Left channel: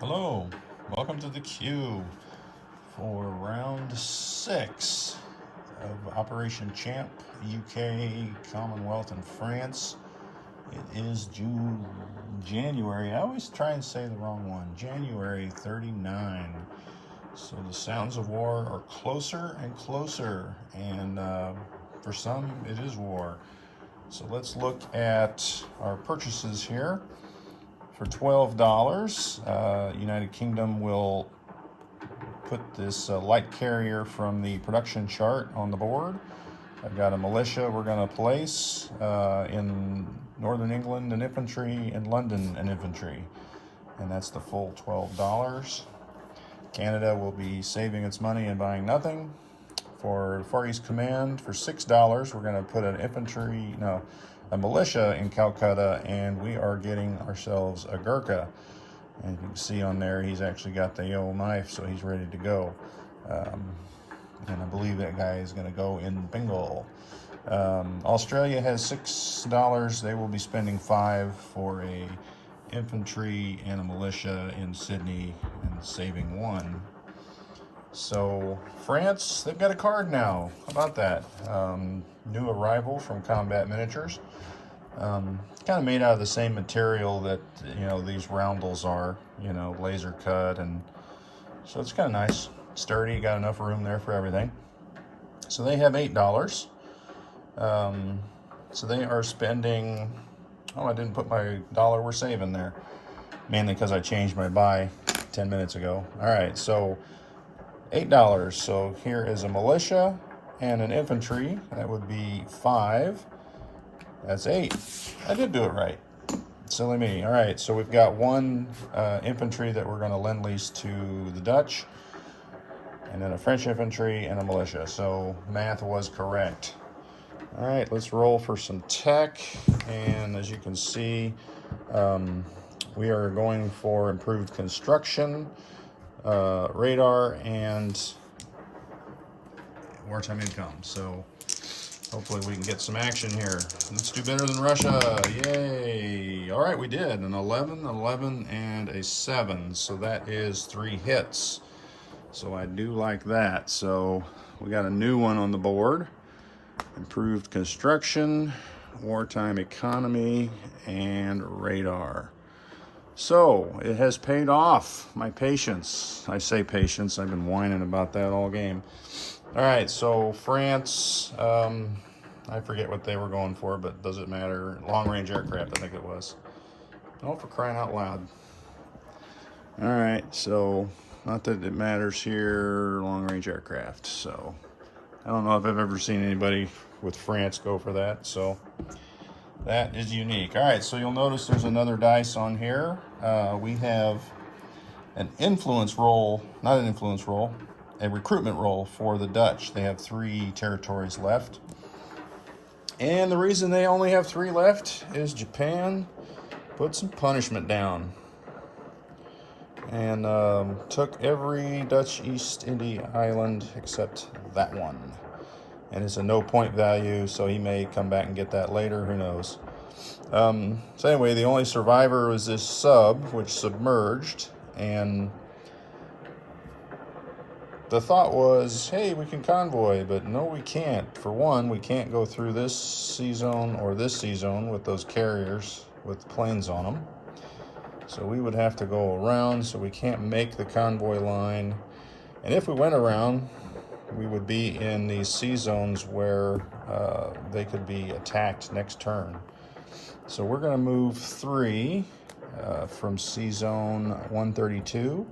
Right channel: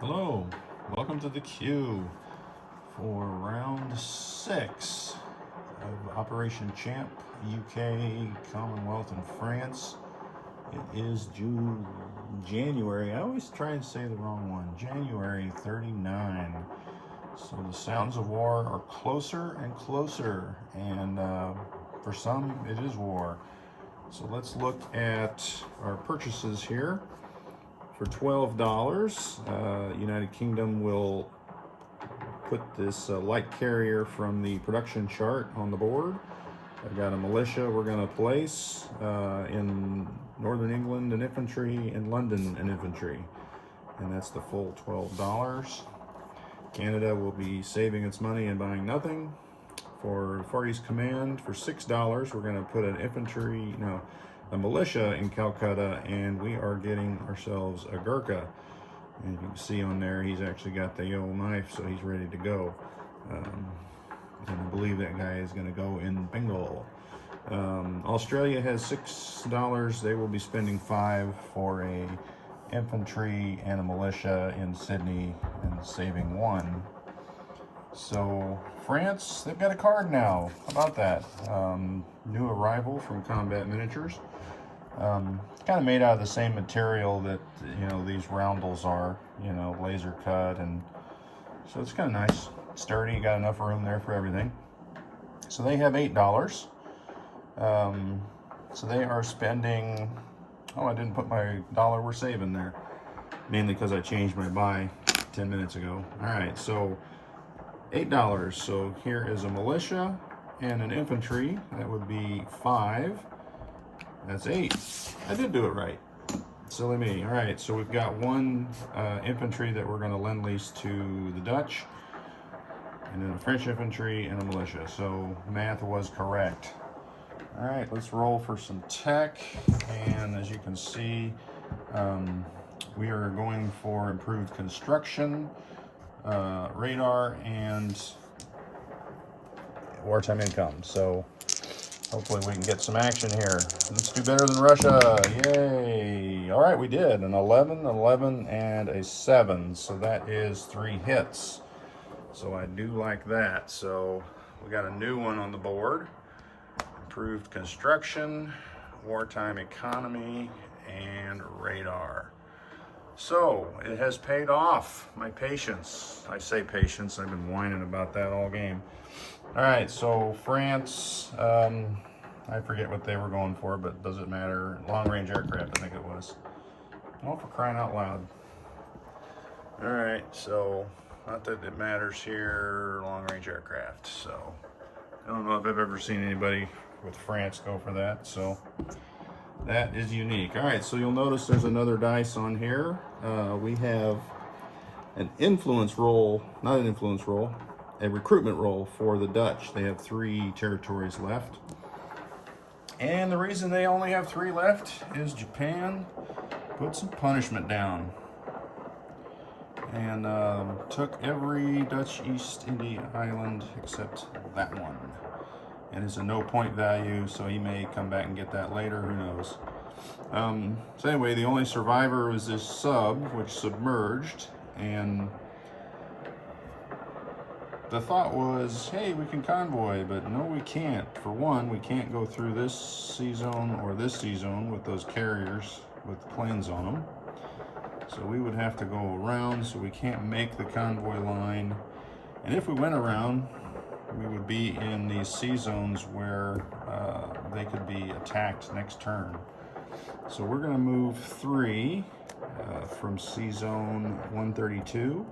Hello, welcome to the queue for round 6 of Operation Champ, UK, Commonwealth, and France. It is January, I always try and say the wrong one, January 39. So the sounds of war are closer and closer, and for some it is war. So let's look at our purchases here. For $12, United Kingdom will put this light carrier from the production chart on the board. I've got a militia we're going to place in Northern England and infantry, in London and infantry, and that's the full $12. Canada will be saving its money and buying nothing. For Far East Command, for $6, we're going to put a militia in Calcutta, and we are getting ourselves a Gurkha. And you can see on there, he's actually got the old knife, so he's ready to go. And I believe that guy is going to go in Bengal. Australia has $6. They will be spending $5 for a infantry and a militia in Sydney and saving $1. So France, they've got a card now. How about that? New arrival from Combat Miniatures. Kind of made out of the same material that these roundels are, laser cut, and so it's kind of nice, sturdy. Got enough room there for everything. So they have $8. So they are spending. Oh, I didn't put my dollar we're saving there, mainly because I changed my buy 10 minutes ago. All right, so $8. So here is a militia and an infantry. That would be $5. That's $8. I did do it right. Silly me. All right, so we've got one infantry that we're going to lend lease to the Dutch, and then a French infantry and a militia. So math was correct. All right, let's roll for some tech. And as you can see, we are going for improved construction, radar, and wartime income. So hopefully we can get some action here. Let's do better than Russia. Yay. All right, we did an 11, 11, and a 7. So that is 3 hits. So I do like that. So we got a new one on the board. Improved construction, wartime economy, and radar. So it has paid off, my patience. I say patience, I've been whining about that all game. All right, so France, I forget what they were going for, but does it matter? Long-range aircraft, I think it was. Oh, for crying out loud. All right, so not that it matters here, long-range aircraft. So I don't know if I've ever seen anybody with France go for that, so that is unique. All right, so you'll notice there's another dice on here. We have an influence roll, not an influence roll, a recruitment roll for the Dutch. They have 3 territories left. And the reason they only have 3 left is Japan put some punishment down and took every Dutch East India island except that one. And it's a no point value, so he may come back and get that later, who knows. So anyway, the only survivor was this sub, which submerged, and the thought was, hey, we can convoy, but no, we can't. For one, we can't go through this sea zone or this sea zone with those carriers with planes on them. So we would have to go around, so we can't make the convoy line. And if we went around, we would be in these sea zones where they could be attacked next turn. So we're going to move 3 from sea zone 132,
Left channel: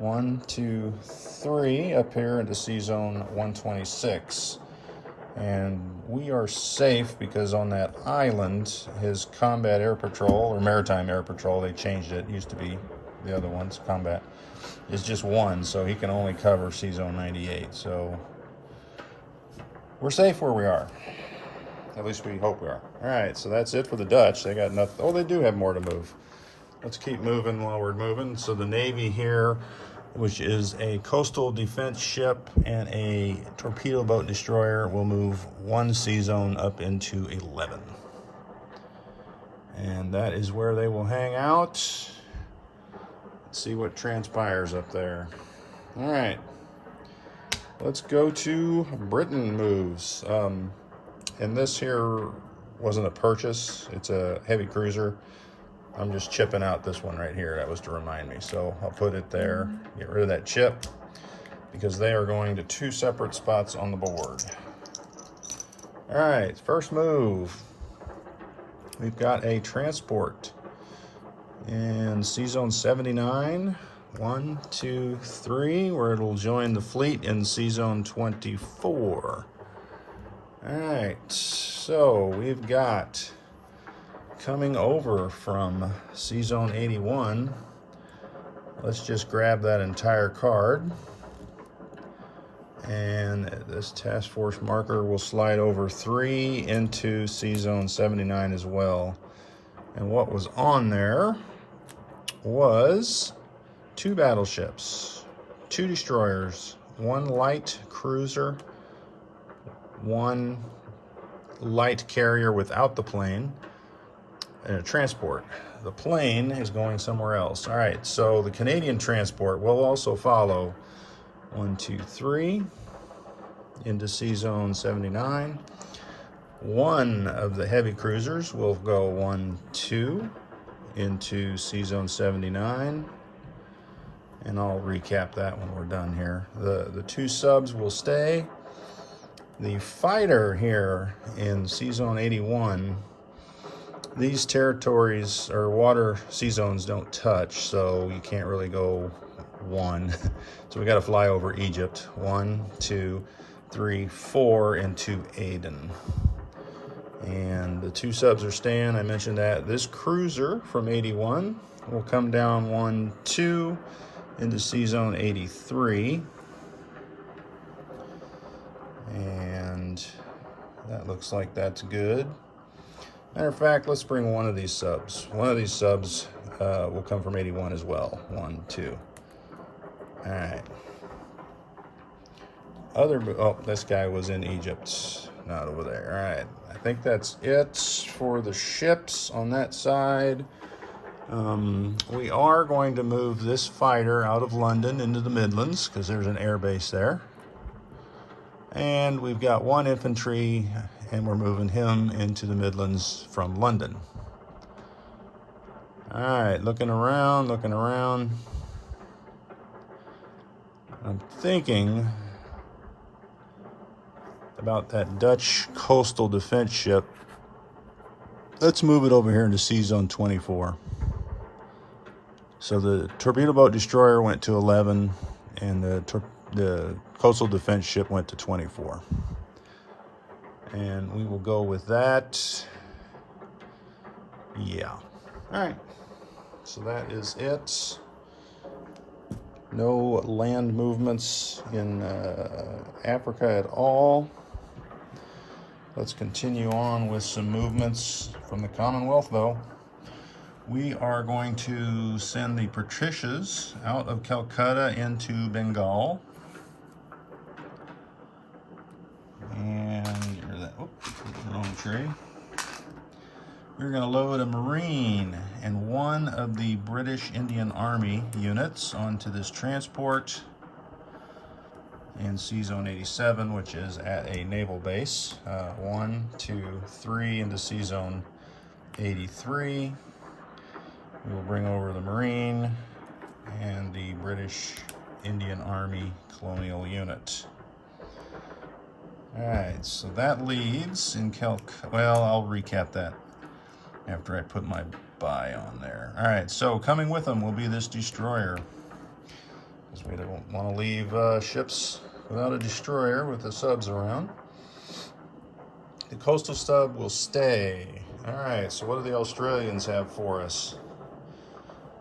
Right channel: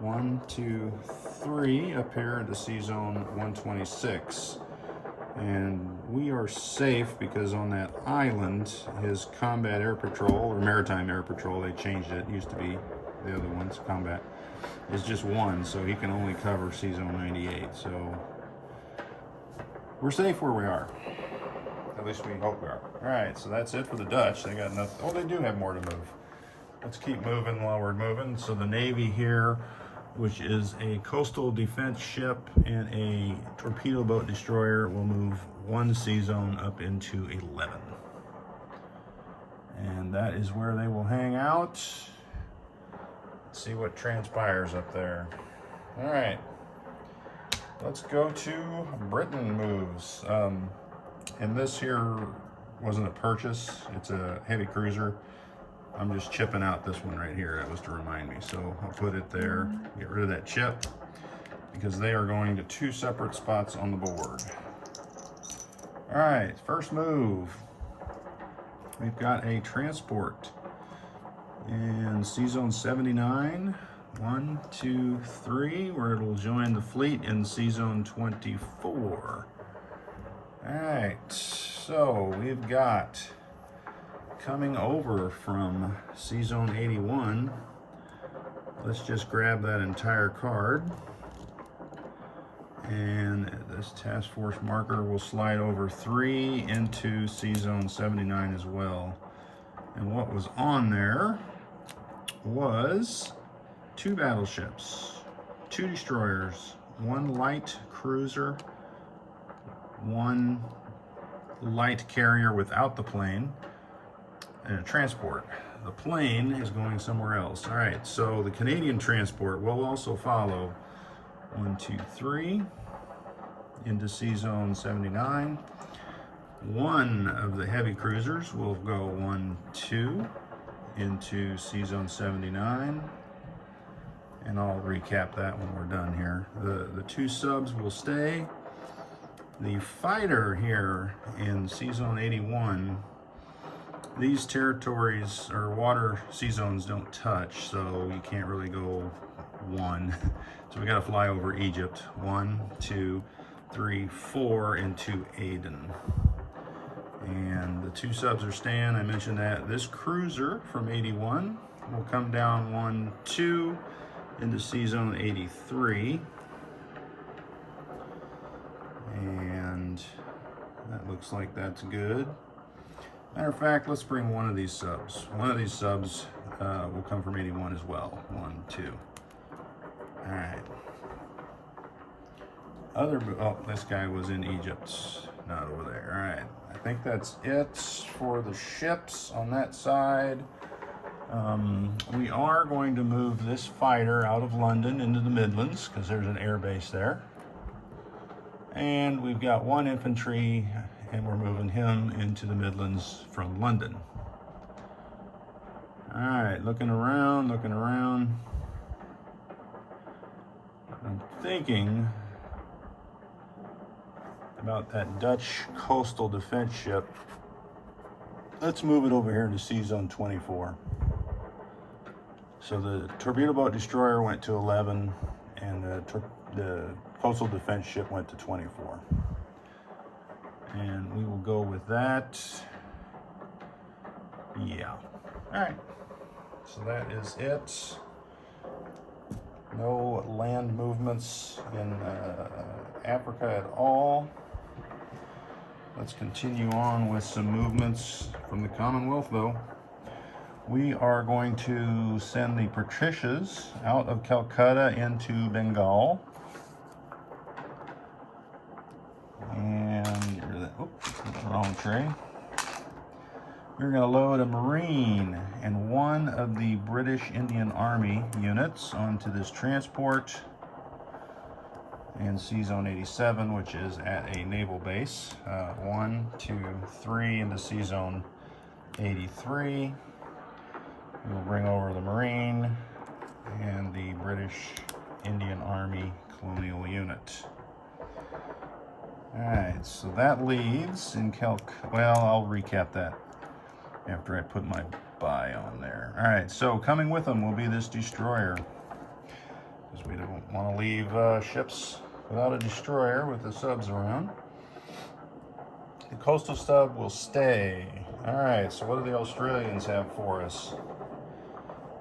1, 2, 3 up here into sea zone 126. And we are safe because on that island, his combat air patrol, or maritime air patrol, they changed it. It used to be the other ones, combat, is just 1, so he can only cover sea zone 98. So we're safe where we are. At least we hope we are. All right, so that's it for the Dutch. They got nothing. Oh, they do have more to move. Let's keep moving while we're moving. So the Navy here, which is a coastal defense ship and a torpedo boat destroyer, will move 1 sea zone up into 11. And that is where they will hang out. See what transpires up there. All right, let's go to Britain moves. And this here wasn't a purchase. It's a heavy cruiser. I'm just chipping out this one right here. That was to remind me. So I'll put it there, get rid of that chip, because they are going to 2 separate spots on the board. All right, first move. We've got a transport in C-Zone 79. 1, 2, 3, where it'll join the fleet in C-Zone 24. All right, so we've got coming over from C-Zone 81. Let's just grab that entire card. And this task force marker will slide over 3 into C-Zone 79 as well. And what was on there was 2 battleships, 2 destroyers, 1 light cruiser, 1 light carrier without the plane, and a transport. The plane is going somewhere else. All right, so the Canadian transport will also follow 1, 2, 3 into C-Zone 79. 1 of the heavy cruisers will go 1, 2 into C-Zone 79. And I'll recap that when we're done here. The 2 subs will stay. The fighter here in C-Zone 81, these territories or water C-Zones don't touch, so you can't really go 1. So we got to fly over Egypt. 1, 2, 3, 4 into Aden. And the 2 subs are staying. I mentioned that. This cruiser from 81 will come down 1, 2 into C-Zone 83. And that looks like that's good. Matter of fact, let's bring one of these subs. One of these subs will come from 81 as well. 1, 2. All right. Oh, this guy was in Egypt, not over there. All right. I think that's it for the ships on that side. We are going to move this fighter out of London into the Midlands because there's an air base there. And we've got 1 infantry, and we're moving him into the Midlands from London. All right, looking around. I'm thinking about that Dutch coastal defense ship. Let's move it over here into C-Zone 24. So the torpedo boat destroyer went to 11, and the coastal defense ship went to 24. And we will go with that. Yeah. All right. So that is it. No land movements in Africa at all. Let's continue on with some movements from the Commonwealth, though. We are going to send the Patricias out of Calcutta into Bengal. And get rid of that. Oops, wrong tray. We're going to load a Marine and 1 of the British Indian Army units onto this transport in C-Zone 87, which is at a naval base. 1, 2, 3 into C-Zone 83. We will bring over the Marine and the British Indian Army Colonial Unit. All right, so that leads in well, I'll recap that after I put my buy on there. All right, so coming with them will be this destroyer, because we don't want to leave ships without a destroyer with the subs around. The coastal sub will stay. All right, so what do the Australians have for us?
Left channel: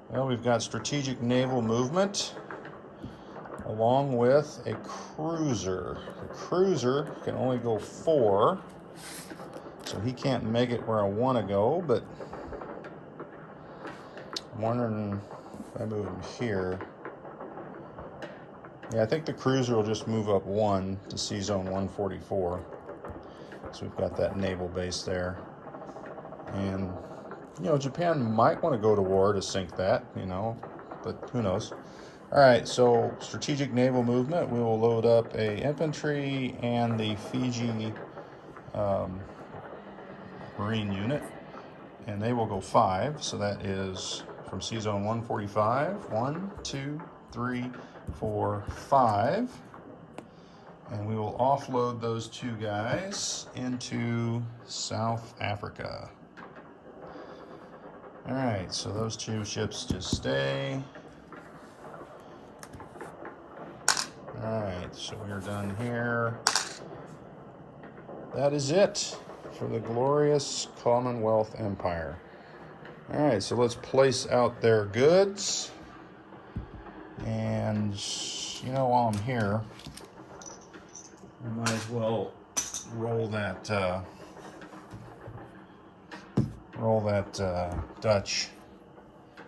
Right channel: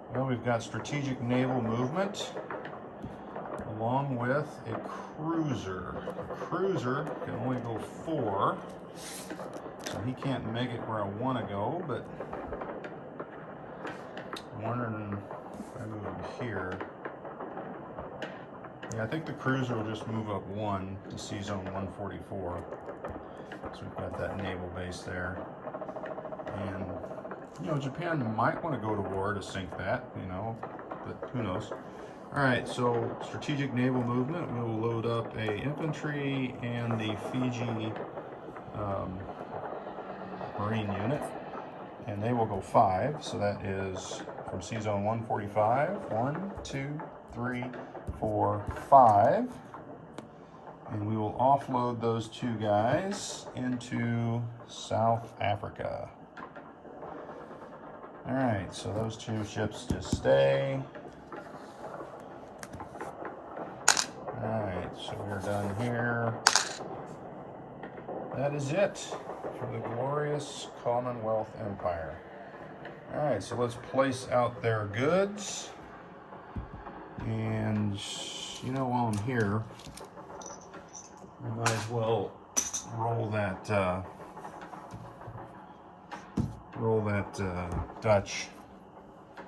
Well, we've got strategic naval movement along with a cruiser. The cruiser can only go 4, so he can't make it where I want to go, but I'm wondering if I move him here. Yeah, I think the cruiser will just move up 1 to C-Zone 144. So we've got that naval base there. And, you know, Japan might want to go to war to sink that, you know. but who knows. All right, so strategic naval movement, we will load up a infantry and the Fiji Marine unit, and they will go 5. So that is from C Zone 145, 1, 2, 3, 4, 5. And we will offload those 2 guys into South Africa. All right, so those 2 ships just stay. All right, so we are done here. That is it for the glorious Commonwealth Empire. All right, so let's place out their goods. And, you know, while I'm here, we might as well roll that Dutch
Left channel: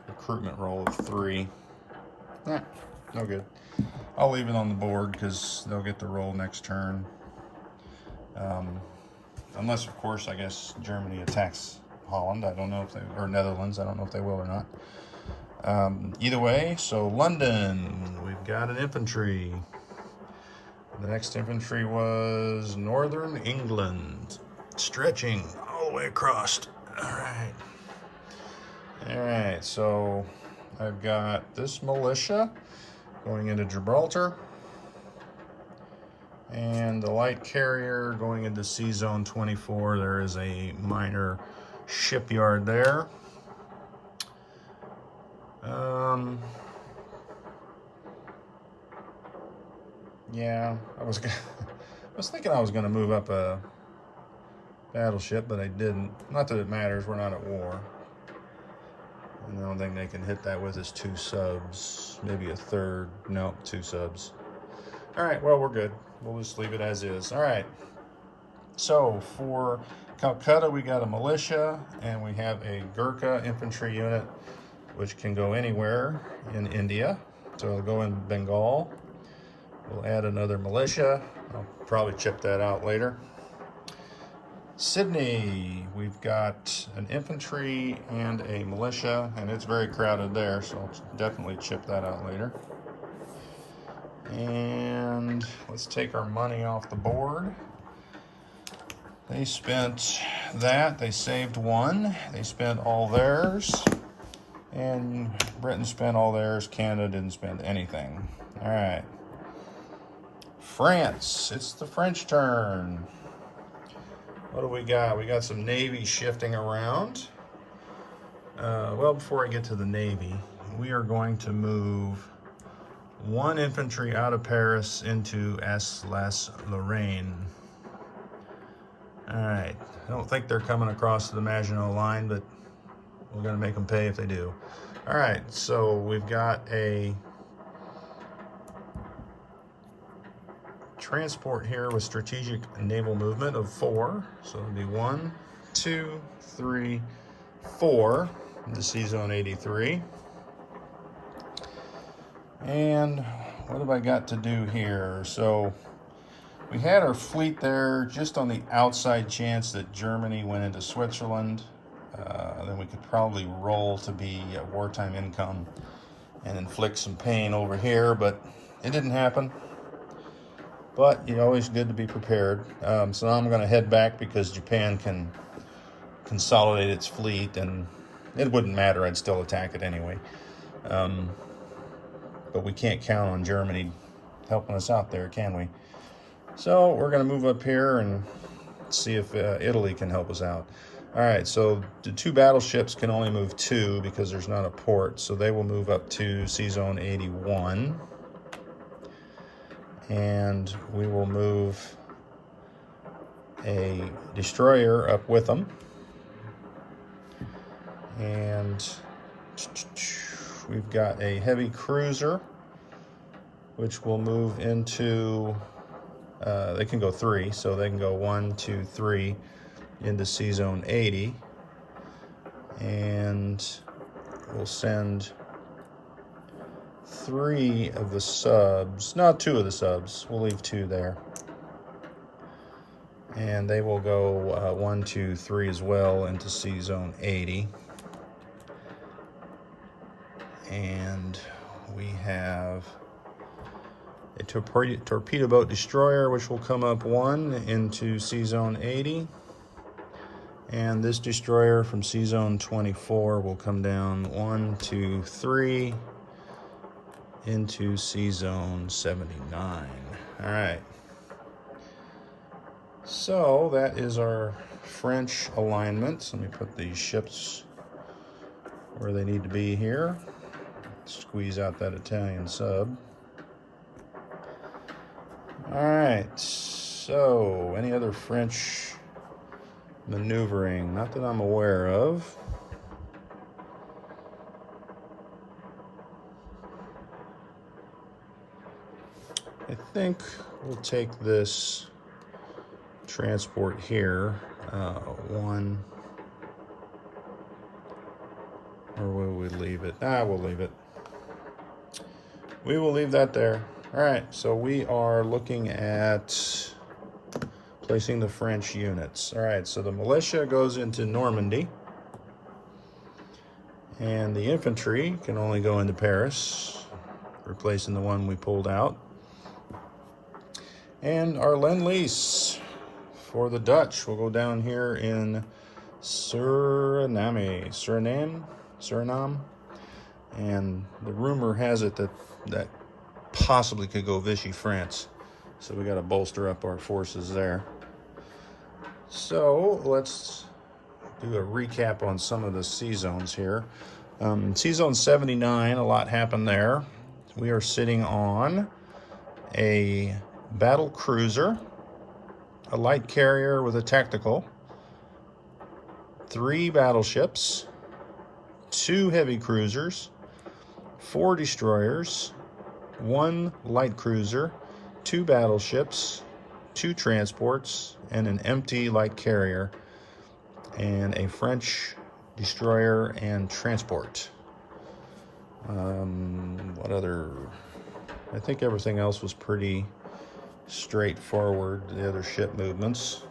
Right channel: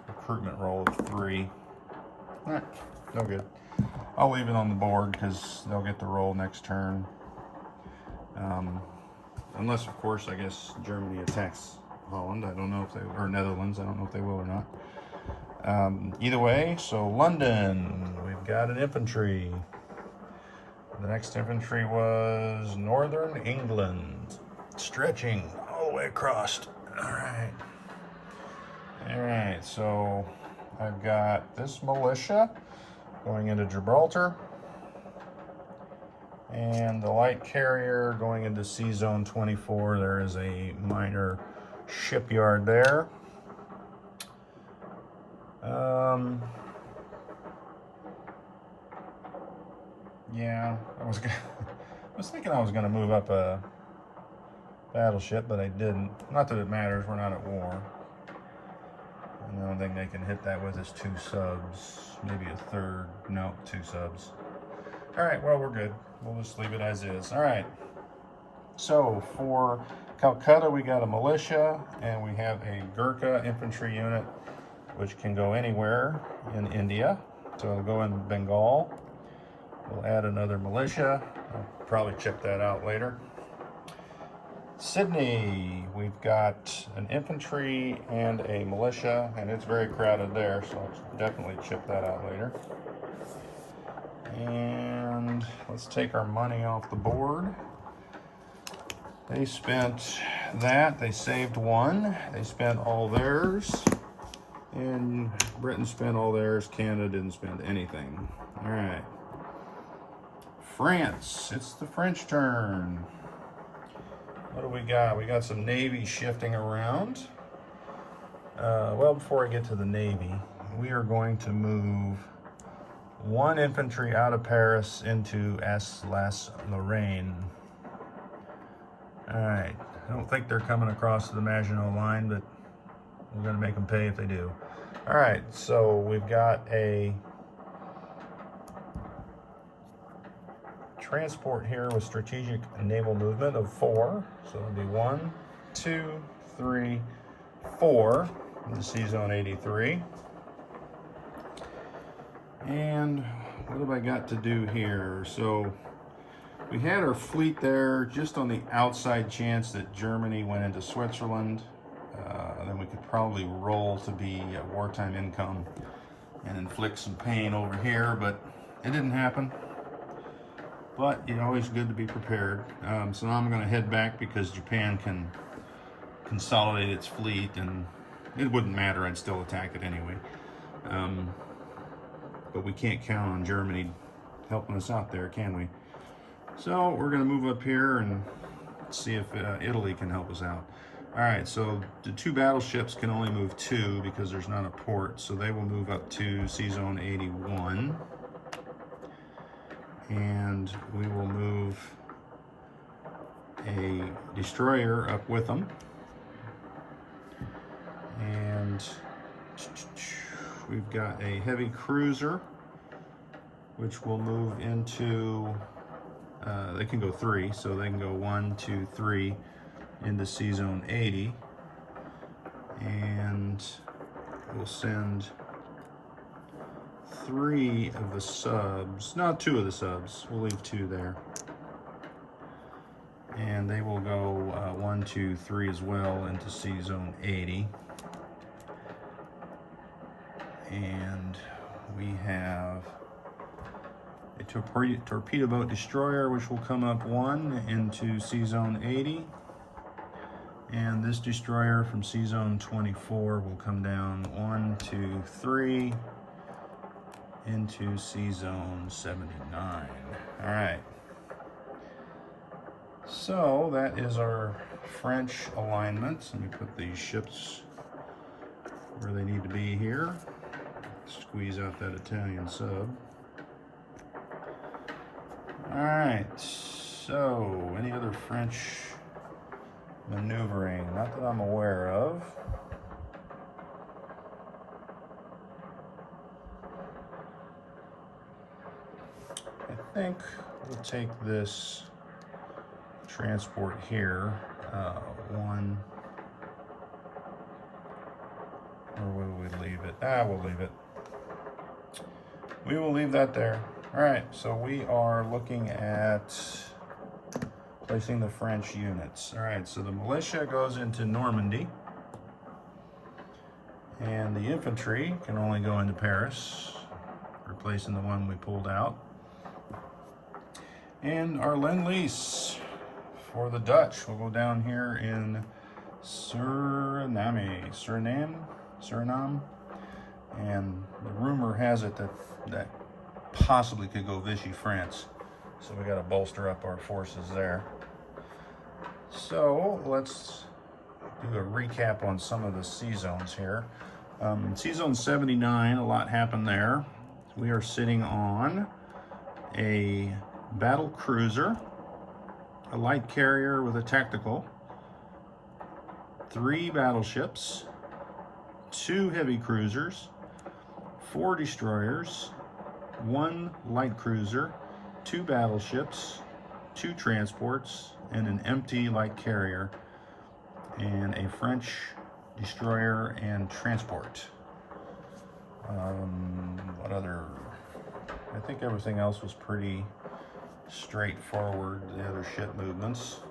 recruitment roll of 3. No good. I'll leave it on the board because they'll get the roll next turn. Unless, of course, I guess Germany attacks Holland. I don't know if they, or Netherlands. I don't know if they will or not. Either way, so London, we've got an infantry. The next infantry was Northern England, stretching all the way across. All right. All right, so I've got this militia going into Gibraltar, and the light carrier going into C Zone 24. There is a minor shipyard there. Yeah, I was thinking I was gonna move up a battleship, but I didn't. Not that it matters, we're not at war. And the only thing they can hit that with is 2 subs, maybe a third. No, 2 subs. All right, well, we're good. We'll just leave it as is. All right, so for Calcutta, we got a militia, and we have a Gurkha infantry unit, which can go anywhere in India. So it'll go in Bengal. We'll add another militia. I'll probably chip that out later. Sydney, we've got an infantry and a militia, and it's very crowded there, so I'll definitely chip that out later. And let's take our money off the board. They spent that, they saved 1, they spent all theirs, and Britain spent all theirs, Canada didn't spend anything. All right. France, it's the French turn. What do we got? We got some Navy shifting around. Well, before I get to the Navy, we are going to move 1 infantry out of Paris into Alsace-Lorraine. All right, I don't think they're coming across the Maginot Line, but we're gonna make them pay if they do. All right, so we've got a transport here with strategic naval movement of 4. So it'll be 1, 2, 3, 4 into C Zone 83. And what have I got to do here? So we had our fleet there just on the outside chance that Germany went into Switzerland. Then we could probably roll to be wartime income and inflict some pain over here, but it didn't happen. But you're always good to be prepared. So now I'm going to head back because Japan can consolidate its fleet, and it wouldn't matter. I'd still attack it anyway. But we can't count on Germany helping us out there, can we? So we're going to move up here and see if Italy can help us out. All right, so the 2 battleships can only move 2 because there's not a port, so they will move up to C Zone 81. And we will move a destroyer up with them. And we've got a heavy cruiser, which will move into, they can go 3, so they can go 1, 2, 3 into C Zone 80. And we'll send 3 of the subs, no, 2 of the subs. We'll leave 2 there. And they will go 1, 2, 3 as well into C Zone 80. And torpedo boat destroyer, which will come up 1 into Sea Zone 80. And this destroyer from Sea Zone 24 will come down 1, 2, 3 into Sea Zone 79. All right. So that is our French alignment. Let me put these ships where they need to be here. Squeeze out that Italian sub. All right. So any other French maneuvering? Not that I'm aware of. I think we'll take this transport here, one, or will we leave it? We'll leave it. We will leave that there. All right, so we are looking at placing the French units. All right, so the militia goes into Normandy, and the infantry can only go into Paris, replacing the one we pulled out. And our Lend-Lease for the Dutch will go down here in Suriname, and the rumor has it that possibly could go Vichy France, so we got to bolster up our forces there. So let's do a recap on some of the sea zones here. Sea Zone 79, a lot happened there. We are sitting on a battle cruiser, a light carrier with a tactical, 3 battleships, 2 heavy cruisers, 4 destroyers, 1 light cruiser, 2 battleships, 2 transports, and an empty light carrier, and a French destroyer and transport. What other? I think everything else was pretty straightforward, the other ship movements.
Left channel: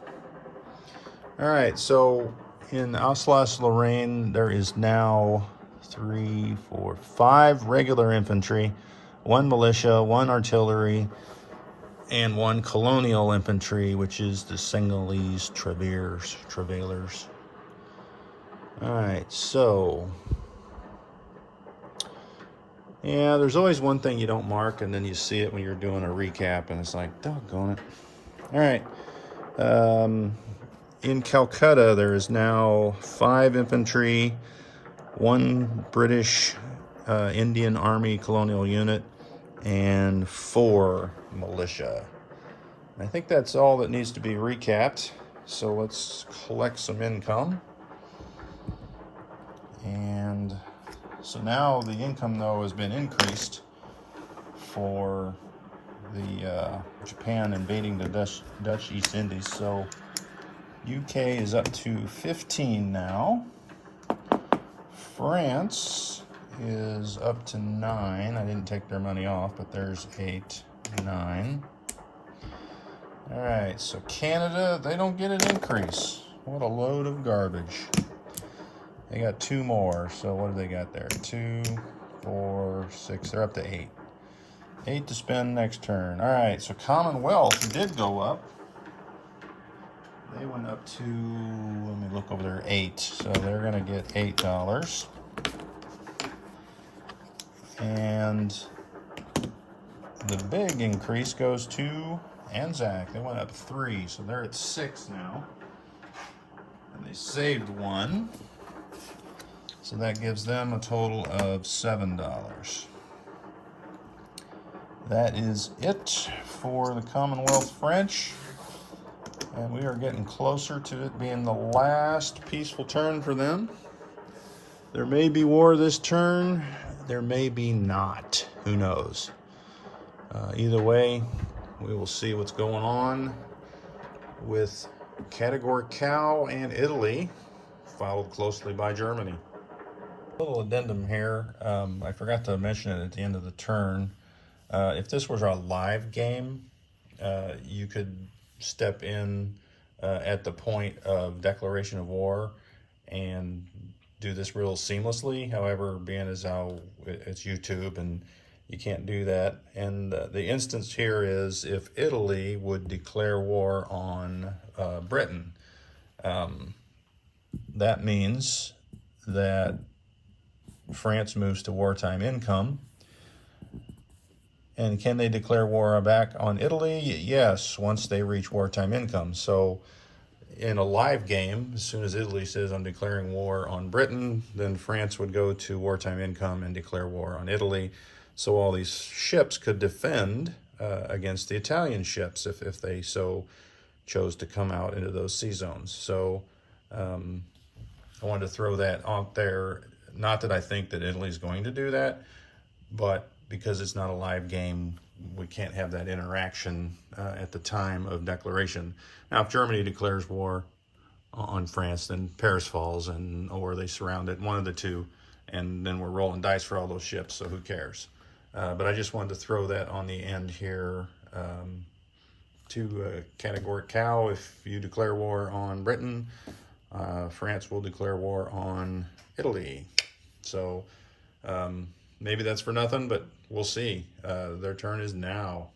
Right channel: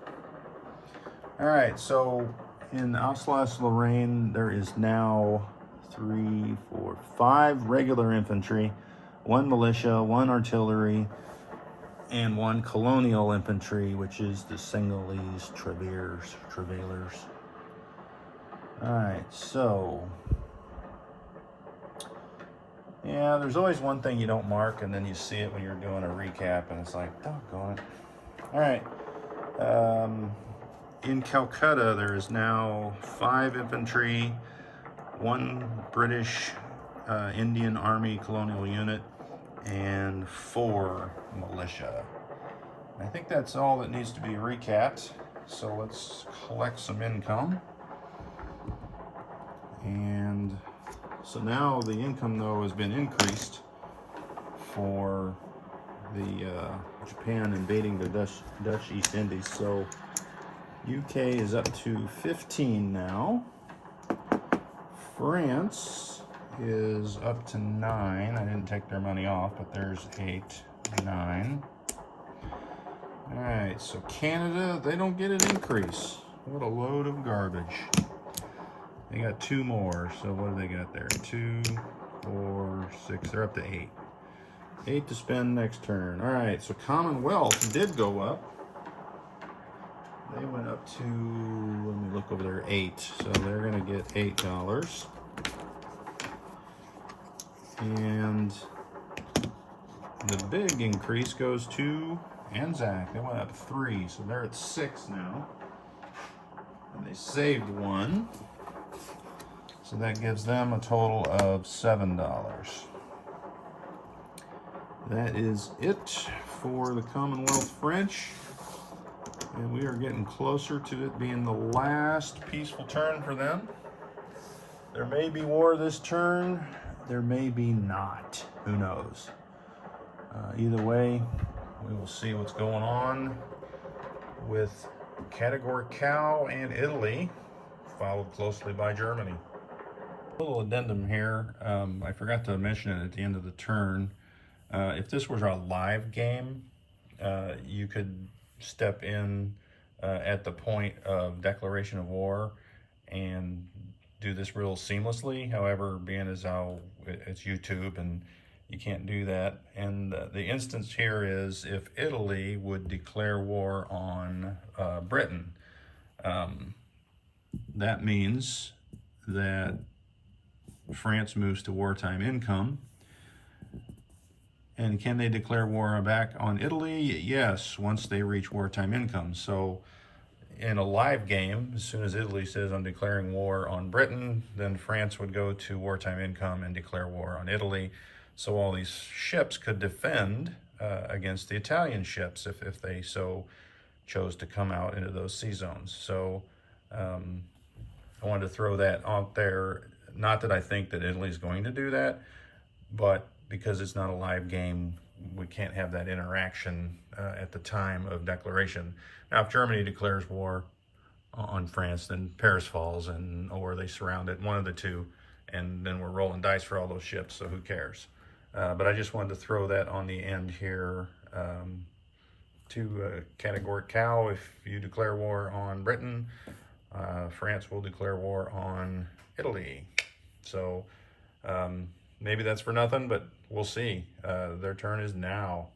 All right, so in Alsace-Lorraine, there is now 3, 4, 5 regular infantry, 1 militia, 1 artillery, and 1 colonial infantry, which is the Senegalese travailers. All right, so yeah, there's always one thing you don't mark, and then you see it when you're doing a recap, and it's like, doggone it. All right. In Calcutta, there is now 5 infantry, 1 British Indian Army colonial unit, and 4 militia. I think that's all that needs to be recapped. So let's collect some income. And so now the income, though, has been increased for the Japan invading the Dutch East Indies. So UK is up to 15 now. France is up to 9. I didn't take their money off, but there's 8, 9. All right, so Canada, they don't get an increase. What a load of garbage. They got 2 more, so what do they got there? 2, 4, 6, they're up to 8. 8 to spend next turn. All right, so Commonwealth did go up. They went up to, let me look over there, 8. So they're gonna get $8. And the big increase goes to Anzac. They went up 3, so they're at 6 now. And they saved 1. So that gives them a total of $7. That is it for the Commonwealth French. And we are getting closer to it being the last peaceful turn for them. There may be war this turn. There may be not. Who knows? Either way, we will see what's going on with Category Cow and Italy, followed closely by Germany. A little addendum here. I forgot to mention it at the end of the turn. If this was a live game, you could step in at the point of declaration of war and do this real seamlessly. However, being as how it's YouTube and You can't do that. And the instance here is if Italy would declare war on Britain. That means that France moves to wartime income. And can they declare war back on Italy? Yes, once they reach wartime income. So in a live game, as soon as Italy says, I'm declaring war on Britain, then France would go to wartime income and declare war on Italy. So all these ships could defend against the Italian ships if they so chose to come out into those sea zones. So I wanted to throw that out there. Not that I think that Italy's going to do that, but because it's not a live game, we can't have that interaction at the time of declaration. Now, if Germany declares war on France, then Paris falls, or they surround it, one of the two, and then we're rolling dice for all those ships, so who cares? But I just wanted to throw that on the end here to categoric cow. If you declare war on Britain, France will declare war on Italy. So maybe that's for nothing, but we'll see. Their turn is now.